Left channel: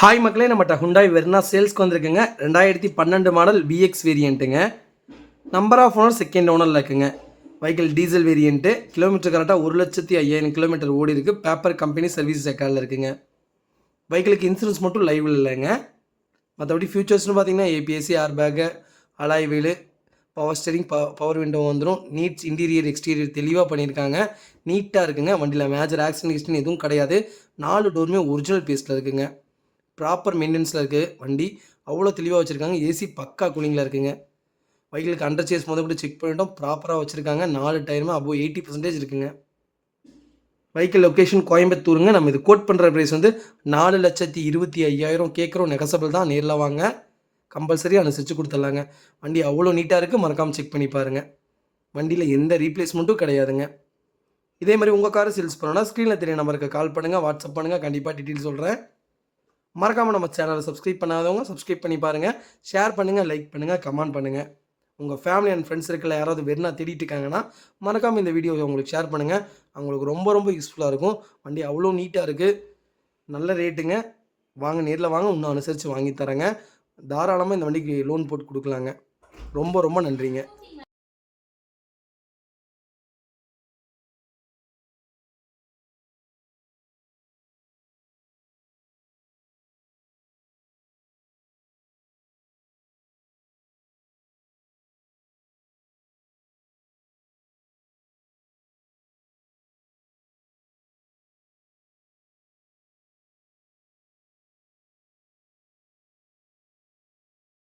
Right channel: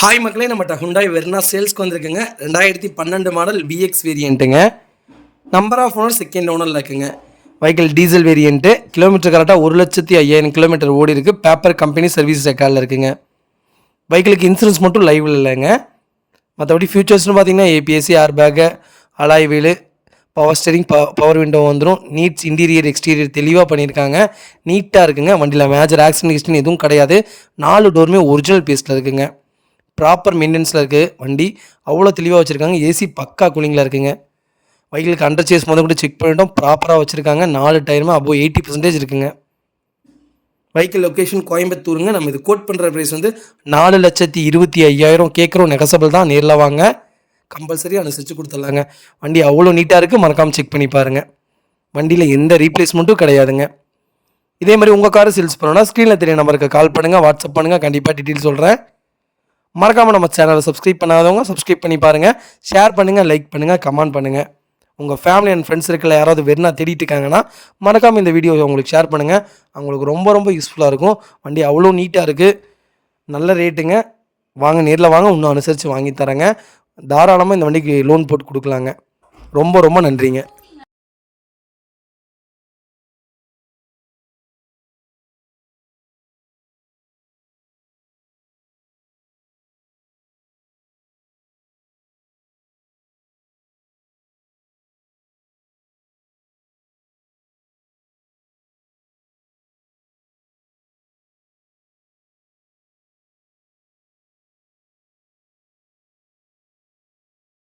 Hi மக்களே, நம்மகிட்ட Hyundai Verna சேல்ஸ்க்கு வந்திருக்குங்க. 2012 மாடல் பிஎக்ஸ் வேரியண்ட்டுங்க. நம்பர் ஆஃப் ஓனர் செகண்ட் ஓனரில் இருக்குங்க. Vehicle diesel variant. கிலோமீட்டர் கரெக்டாக 1,05,000 கிலோமீட்டர் ஓடி இருக்குது. பேப்பர் கம்பெனி சர்வீஸ் ரெக்கார்டில் இருக்குங்க. வெஹிக்கிளுக்கு இன்சூரன்ஸ் மட்டும் லைவில் இல்லைங்க. மற்றபடி ஃபியூச்சர்ஸ்னு பார்த்தீங்கன்னா ஏபிஎஸ்சி, airbag, alloy wheel, power steering, power window வந்துடும். நீட்ஸ் இன்டீரியர் எக்ஸ்டீரியர் தெளிவாக பண்ணியிருக்காங்க. நீட்டாக இருக்குங்க. வண்டியில் மேஜர் ஆக்சிடென்ட் ஹிஸ்ட்ரி எதுவும் கிடையாது. 4 டோருமே ஒரிஜினல் பீஸில் இருக்குங்க. ப்ராப்பர் மெயின்டெனன்ஸில் இருக்குது. வண்டி அவ்வளோ தெளிவாக வச்சுருக்காங்க. ஏசி பக்கா கூலிங்கில் இருக்குங்க. வெஹிக்கிளுக்கு அண்டர் சேஸ் முதல் கூட செக் பண்ணிட்டோம். ப்ராப்பராக வச்சுருக்காங்க. 4 டயருமே அபோவ் 80% இருக்குங்க. வெஹிக்கிள் லொக்கேஷன் கோயம்புத்தூருங்க. நம்ம இது கோட் பண்ணுற ப்ரைஸ் வந்து 4,25,000 கேட்குறோம். நெகசபிள் தான். நேரில் வாங்க, கம்பல்சரி அனுசரித்து கொடுத்துட்லாங்க. வண்டி அவ்வளோ நீட்டாக இருக்குது. மறக்காமல் செக் பண்ணி பாருங்கள். வண்டியில் எந்த ரீப்ளேஸ்மெண்ட்டும் கிடையாதுங்க. இதே மாதிரி உங்கள் காரை சேல்ஸ் பண்ணணும்னா ஸ்க்ரீனில் தெரிய நம்பருக்கு கால் பண்ணுங்கள், வாட்ஸ்அப் பண்ணுங்கள். கண்டிப்பாக டீட்டெயில் சொல்கிறேன். மறக்காமல் நம்ம சேனலை சப்ஸ்கிரைப் பண்ணாதவங்க சப்ஸ்கிரைப் பண்ணி பாருங்கள். ஷேர் பண்ணுங்கள், லைக் பண்ணுங்கள், கமெண்ட் பண்ணுங்கள். உங்கள் ஃபேமிலி அண்ட் ஃப்ரெண்ட்ஸ் இருக்கிற யாராவது வெறுனா தேடிட்டு இருக்காங்கன்னா மறக்காமல் இந்த வீடியோ உங்களுக்கு ஷேர் பண்ணுங்கள். அவங்களுக்கு ரொம்ப ரொம்ப யூஸ்ஃபுல்லாக இருக்கும். வண்டி அவ்வளோ நீட்டாக இருக்குது. நல்ல ரேட்டுங்க. வாங்க, நேரில் வாங்க, இன்னும் அனுசரித்து வாங்கி தரேங்க. தாராளமாக இந்த வண்டிக்கு லோன் போட்டு கொடுக்கலாங்க. ரொம்ப ரொம்ப நன்றிங்க.